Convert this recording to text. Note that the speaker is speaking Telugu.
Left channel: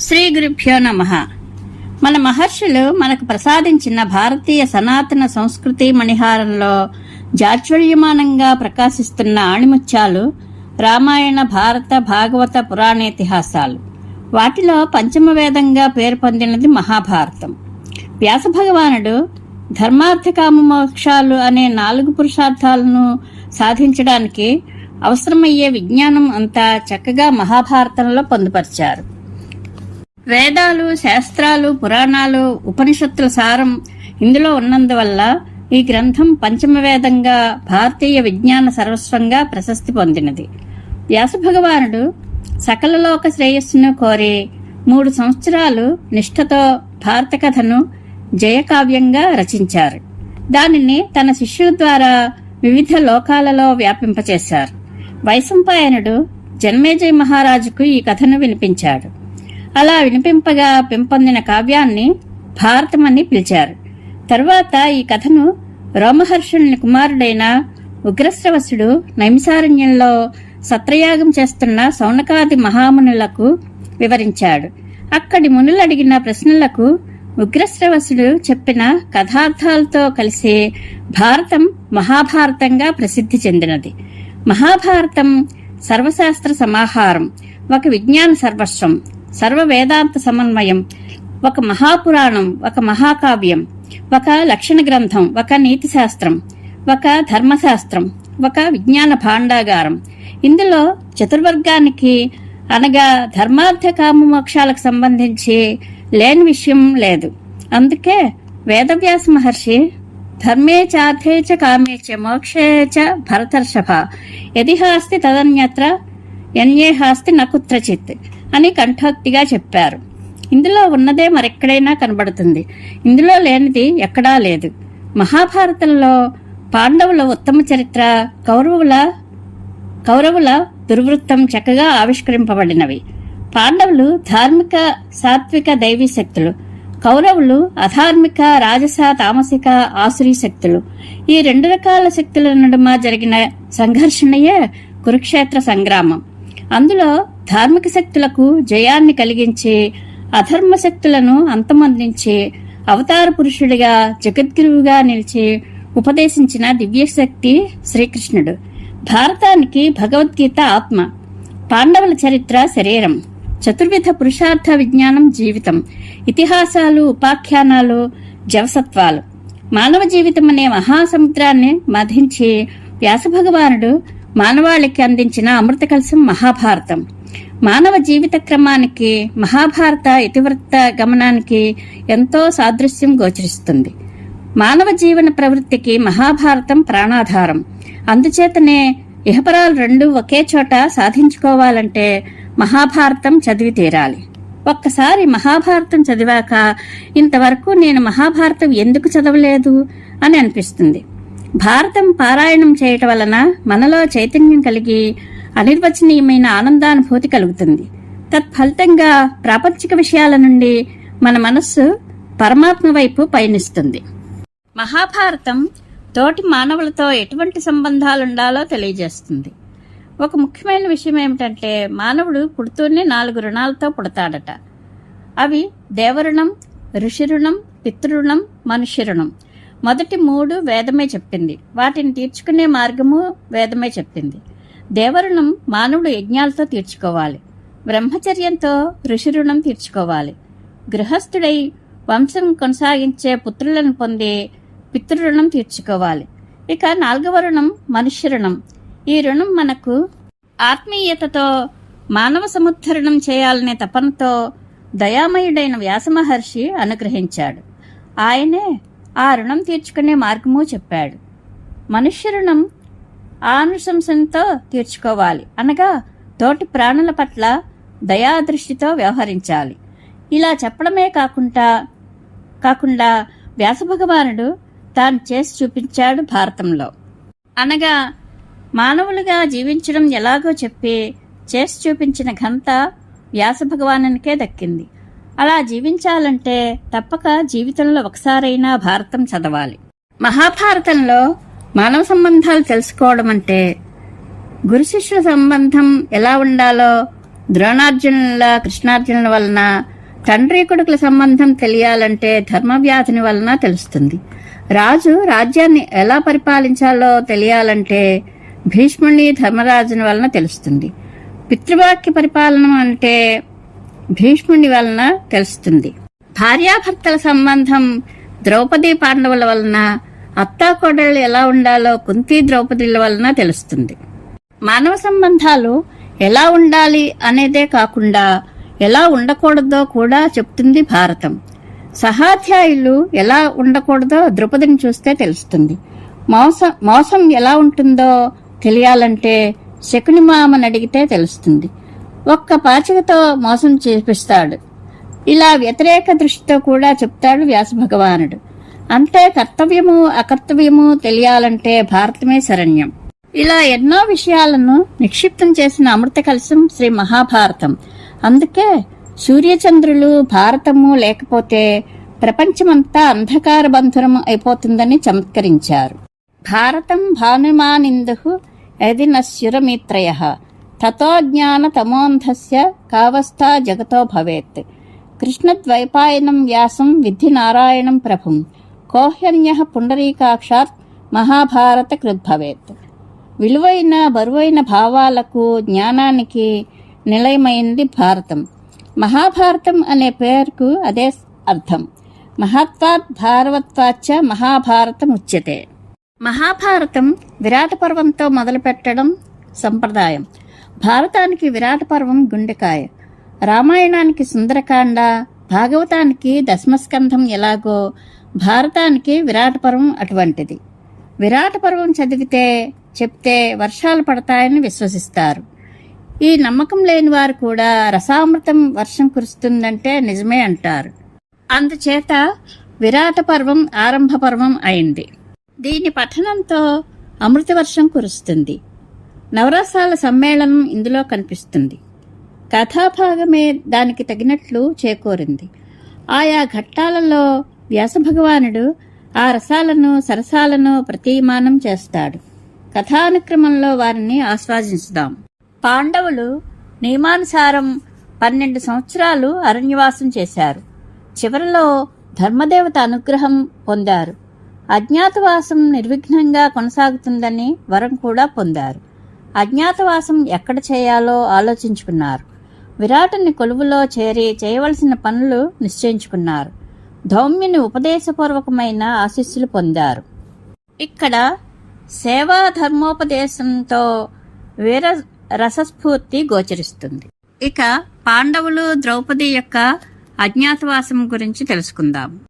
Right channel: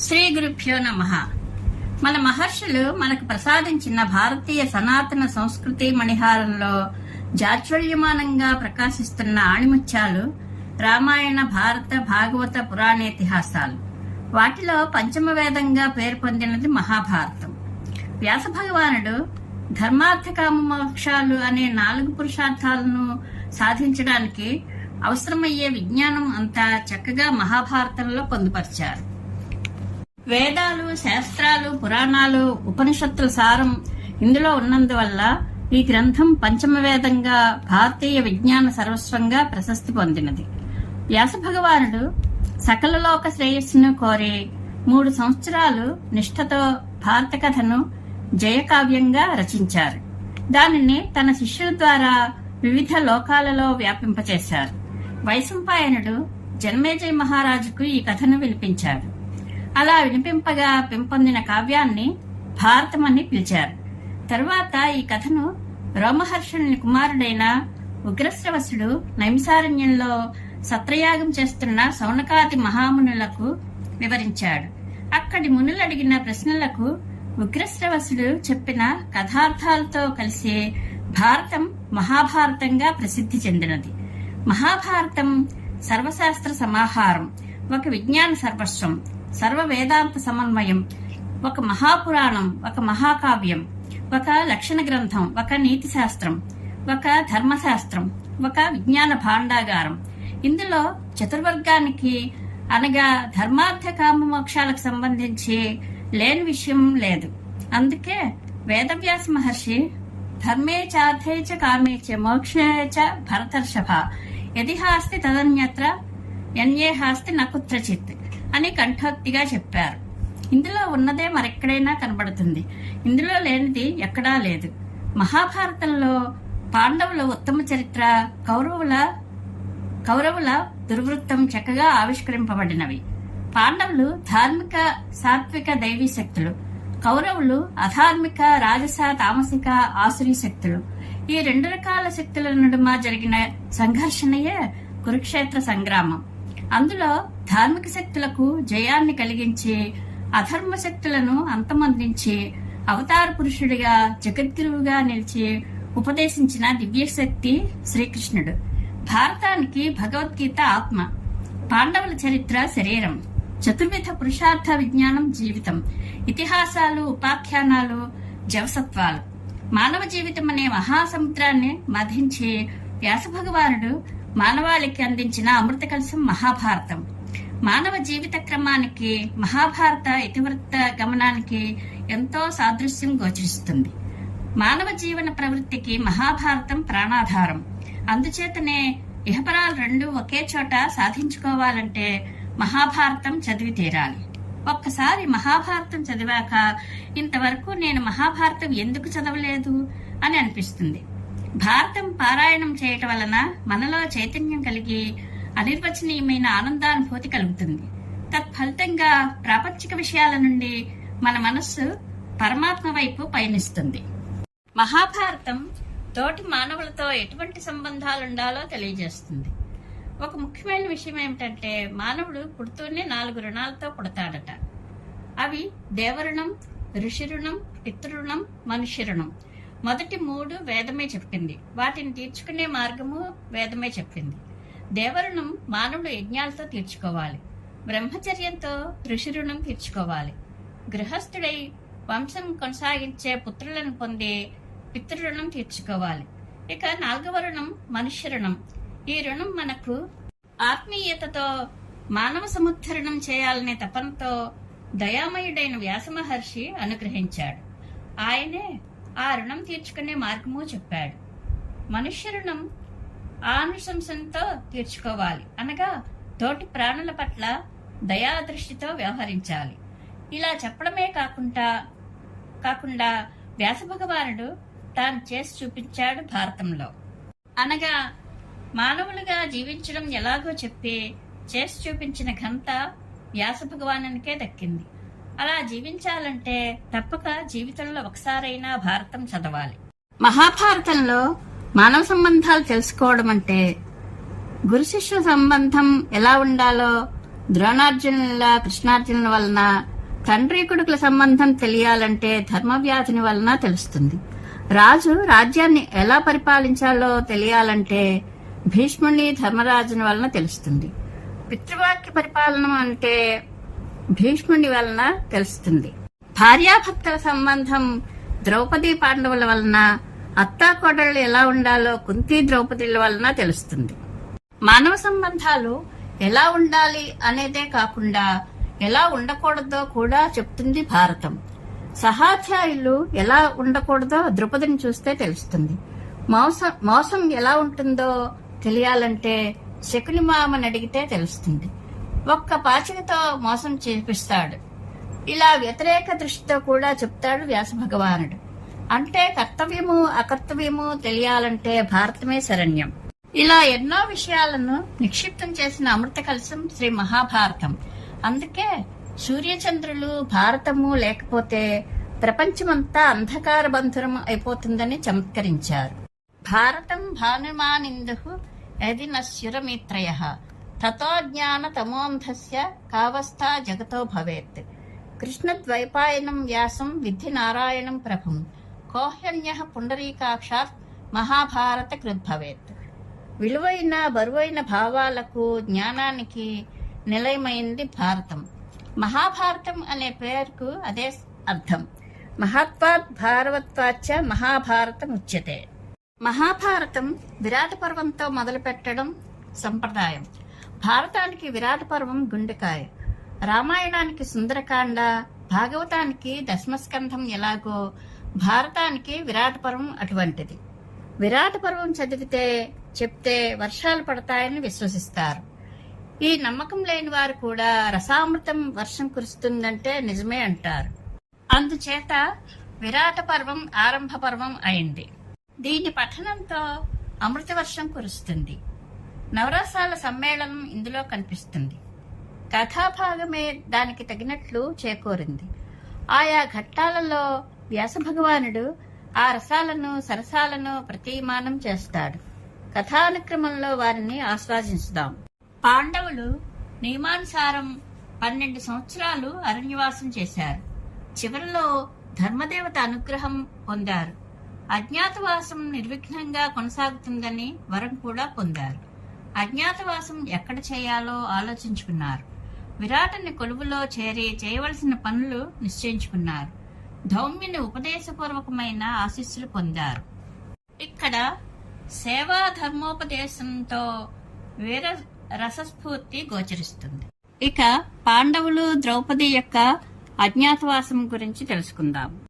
శ్రీ గురుభ్యో నమ. మన మహర్షులు మనకు ప్రసాదించిన భారతీయ సనాతన సంస్కృతి మణిహారంలో జాజ్వల్యమానంగా ప్రకాశిస్తున్న ఆణిముత్యాలు రామాయణ భారత భాగవత పురాణేతిహాసాలు వాటిలో పంచమ వేదంగా పేరు పొందినది మహాభారతం. వ్యాస భగవానుడు ధర్మార్థ మోక్షాలు అనే నాలుగు పురుషార్థాలను సాధించడానికి అవసరమయ్యే విజ్ఞానం అంతా చక్కగా మహాభారతంలో పొందుపరిచారు. వేదాలు శాస్త్రాలు పురాణాలు ఉపనిషత్తుల సారం ఇందులో ఉన్నందువల్ల ఈ గ్రంథం పంచమ వేదంగా భారతీయ విజ్ఞాన సర్వస్వంగా ప్రశస్తి పొందినది. వ్యాస భగవానుడు సకల లోక శ్రేయస్సును కోరి మూడు సంవత్సరాలు నిష్ఠతో భారత కథను జయకావ్యంగా రచించారు. దానిని తన శిష్యుల ద్వారా వివిధ లోకాలలో వ్యాపింపచేశారు. వైశంపాయనుడు జన్మేజయ మహారాజుకు ఈ కథను వినిపించాడు. అలా వినిపింపగా పెంపొందిన కావ్యాన్ని భారతమని పిలిచారు. తరువాత ఈ కథను రోమహర్షుని కుమారుడైన ఉగ్రశ్రవసుడు నైమిసారణ్యంలో సత్రయాగం చేస్తున్న సౌనకాది మహామునులకు వివరించాడు. అక్కడి మునులు అడిగిన ప్రశ్నలకు ఉగ్రశ్రవసుడు చెప్పిన కథార్థాలతో కలిసి భారతం మహాభారతంగా ప్రసిద్ధి చెందినది. మహాభారతం సర్వశాస్త్ర సమాహారం ఒక విజ్ఞాన సర్వస్వం సర్వ వేదాంత సమన్వయం ఒక మహాపురాణం ఒక మహాకావ్యం ఒక లక్షణ గ్రంథం ఒక నీతి శాస్త్రం ఒక ధర్మశాస్త్రం ఒక విజ్ఞాన భాండాగారం. ఇందులో చతుర్వర్గానికి అనగా ధర్మార్థ కామ మోక్షాలకు సంబంధించి లేని విషయం లేదు. అందుకే వేదవ్యాస మహర్షి ధర్మే చార్థే చ కామే చ మోక్షే చ భరతర్షభ యది హాస్తి తదన్యత్ర ఎన్యే హాస్తి నకుత్రచిత్ అని కంఠోక్తిగా చెప్పారు. ఇందులో ఉన్నదే మరెక్కడైనా కనబడుతుంది. ఇందులో లేనిది ఎక్కడా లేదు. మహాభారతంలో పాండవుల ఉత్తమ చరిత్ర కౌరవుల కౌరవుల దుర్వృత్తం చక్కగా ఆవిష్కరింపబడినవి. పాండవులు ధార్మిక సాత్విక దైవీ శక్తులు. కౌరవులు అధార్మిక రాజస తామసిక ఆసురీ శక్తులు. ఈ రెండు రకాల శక్తుల నడుమ జరిగిన సంఘర్షణయే కురుక్షేత్ర సంగ్రామం. అందులో ధార్మిక శక్తులకు జయాన్ని కలిగించి అధర్మ శక్తులను అంతమందించి అవతార పురుషుడిగా జగద్గురువుగా నిలిచి ఉపదేశించిన దివ్యశక్తి శ్రీకృష్ణుడు. భారతానికి భగవద్గీత ఆత్మ. పాండవుల చరిత్ర శరీరం. చతుర్విధ పురుషార్థ విజ్ఞానం జీవితం. ఇతిహాసాలు ఉపాఖ్యానాలు జవసత్వాలు. మానవ జీవితం అనే మహాసముద్రాన్ని మధించి వ్యాసభగవానుడు మానవాళికి అందించిన అమృత కలసం మహాభారతం. మానవ జీవిత క్రమానికి మహాభారత ఇతివృత్త గమనానికి ఎంతో సాదృశ్యం గోచరిస్తుంది. మానవ జీవన ప్రవృత్తికి మహాభారతం ప్రాణాధారం. అందుచేతనే ఇహపరాలు రెండు ఒకే చోట సాధించుకోవాలంటే మహాభారతం చదివి తీరాలి. ఒక్కసారి మహాభారతం చదివాక ఇంతవరకు నేను మహాభారతం ఎందుకు చదవలేదు అని అనిపిస్తుంది. భారతం పారాయణం చేయటం వలన మనలో చైతన్యం కలిగి అనిర్వచనీయమైన ఆనందానుభూతి కలుగుతుంది. తత్ఫలితంగా ప్రాపంచిక విషయాల నుండి మన మనస్సు పరమాత్మ వైపు పయనిస్తుంది. మహాభారతం తోటి మానవులతో ఎటువంటి సంబంధాలుండాలో తెలియజేస్తుంది. ఒక ముఖ్యమైన విషయం ఏమిటంటే మానవుడు పుడుతూనే నాలుగు రుణాలతో పుడతాడట. అవి దేవరుణం ఋషి రుణం పితృరుణం మనుష్య రుణం మొదటి మూడు వేదమే చెప్పింది. వాటిని తీర్చుకునే మార్గము వేదమే చెప్పింది. దేవరుణం మానవుడు యజ్ఞాలతో తీర్చుకోవాలి. బ్రహ్మచర్యంతో ఋషి రుణం తీర్చుకోవాలి. గృహస్థుడై వంశం కొనసాగించే పుత్రులను పొంది పితృరుణం తీర్చుకోవాలి. ఇక నాలుగవ రుణం మనుష్య రుణం. ఈ రుణం మనకు ఆత్మీయతతో మానవ సముద్ధరణం చేయాలనే తపనతో దయామయుడైన వ్యాసమహర్షి అనుగ్రహించాడు. ఆయనే ఆ రుణం తీర్చుకునే మార్గము చెప్పాడు. మనుష్య రుణం ఆనుశంసంతో తీర్చుకోవాలి. అనగా తోటి ప్రాణుల పట్ల దయాదృష్టితో వ్యవహరించాలి. ఇలా చెప్పడమే కాకుండా కాకుండా వ్యాసభగవానుడు తాను చేసి చూపించాడు భారతంలో. అనగా మానవులుగా జీవించడం ఎలాగో చెప్పి చేసి చూపించిన ఘనత వ్యాస భగవానునికే దక్కింది. అలా జీవించాలంటే తప్పక జీవితంలో ఒకసారైనా భారతం చదవాలి. మహాభారతంలో మానవ సంబంధాలు తెలుసుకోవడం అంటే గురు శిష్యుల సంబంధం ఎలా ఉండాలో ద్రోణార్జునుల కృష్ణార్జునుల వలన తండ్రి కొడుకుల సంబంధం తెలియాలంటే ధర్మవ్యాధిని వలన తెలుస్తుంది. రాజు రాజ్యాన్ని ఎలా పరిపాలించాలో తెలియాలంటే భీష్ముని ధర్మరాజుని వలన తెలుస్తుంది. పితృవాక్య పరిపాలన అంటే భీష్ముని వలన తెలుస్తుంది. భార్యాభర్తల సంబంధం ద్రౌపది పాండవుల వలన అత్తాకోడళ్ళు ఎలా ఉండాలో కుంతి ద్రౌపదిల వలన తెలుస్తుంది. మానవ సంబంధాలు ఎలా ఉండాలి అనేదే కాకుండా ఎలా ఉండకూడదో కూడా చెప్తుంది భారతం. సహాధ్యాయులు ఎలా ఉండకూడదో ద్రౌపదిని చూస్తే తెలుస్తుంది. మోసం మోసం ఎలా ఉంటుందో తెలియాలంటే శకుని మామని అడిగితే తెలుస్తుంది. ఒక్క పాచికతో మోసం చేపిస్తాడు. ఇలా వ్యతిరేక దృష్టితో కూడా చెప్తాడు వ్యాస భగవానుడు. అంటే కర్తవ్యము అకర్తవ్యము తెలియాలంటే భారతమే శరణ్యం. ఇలా ఎన్నో విషయాలను నిక్షిప్తం చేసిన అమృత కలశం శ్రీ మహాభారతం. అందుకే సూర్యచంద్రులు భారతము లేకపోతే ప్రపంచమంతా అంధకార బంధురం అయిపోతుందని చమత్కరించారు. భారతం భానుమానిందు యది నశ్యురమిత్రయ తతో జ్ఞాన తమోంధస్య కావస్థా జగతో భవేత్. కృష్ణద్వైపాయనం వ్యాసం విధి నారాయణం ప్రభుం. కోహ్యన్య పుండరీకాక్షాత్ మహాభారత కృద్భవేత్ విలువైన బరువైన భావాలకు జ్ఞానానికి నిలయమైంది భారతం. మహాభారతం అనే పేరుకు అదే అర్థం. మహత్వాత్ భారవత్వాచ మహాభారతం ఉచ్యతే. మహాభారతం విరాట పర్వంతో మొదలుపెట్టడం సంప్రదాయం. భారతానికి విరాట పర్వం గుండెకాయ. రామాయణానికి సుందరకాండ భాగవతానికి దశమస్కంధం ఎలాగో భారతానికి విరాట పర్వం అటువంటిది. విరాట పర్వం చదివితే చెప్తే వర్షాలు పడతాయని విశ్వసిస్తారు. ఈ నమ్మకం లేని వారు కూడా రసామృతం వర్షం కురుస్తుందంటే నిజమే అంటారు. అందుచేత విరాట పర్వం ఆరంభ పర్వం అయింది. దీని పఠనంతో అమృత వర్షం కురుస్తుంది. నవరసాల సమ్మేళనం ఇందులో కనిపిస్తుంది. కథాభాగమే దానికి తగినట్లు చేకూరింది. ఆయా ఘట్టాలలో వ్యాసభగవానుడు ఆ రసాలను సరసాలను ప్రతీమానం చేస్తాడు. కథానుక్రమంలో వారిని ఆస్వాదించుదాం. పాండవులు నియమానుసారం పన్నెండు సంవత్సరాలు అరణ్యవాసం చేశారు. చివరిలో ధర్మదేవత అనుగ్రహం పొందారు. అజ్ఞాతవాసం నిర్విఘ్నంగా కొనసాగుతుందని వరం కూడా పొందారు. అజ్ఞాతవాసం ఎక్కడ చేయాలో ఆలోచించుకున్నారు. విరాటుని కొలువులో చేరి చేయవలసిన పనులు నిశ్చయించుకున్నారు. ధౌమ్యుని ఉపదేశపూర్వకమైన ఆశీస్సులు పొందారు. ఇక్కడ సేవా ధర్మోపదేశంతో వీర రసస్ఫూర్తి గోచరిస్తుంది. ఇక పాండవులు ద్రౌపది యొక్క అజ్ఞాతవాసం గురించి తెలుసుకుందాం.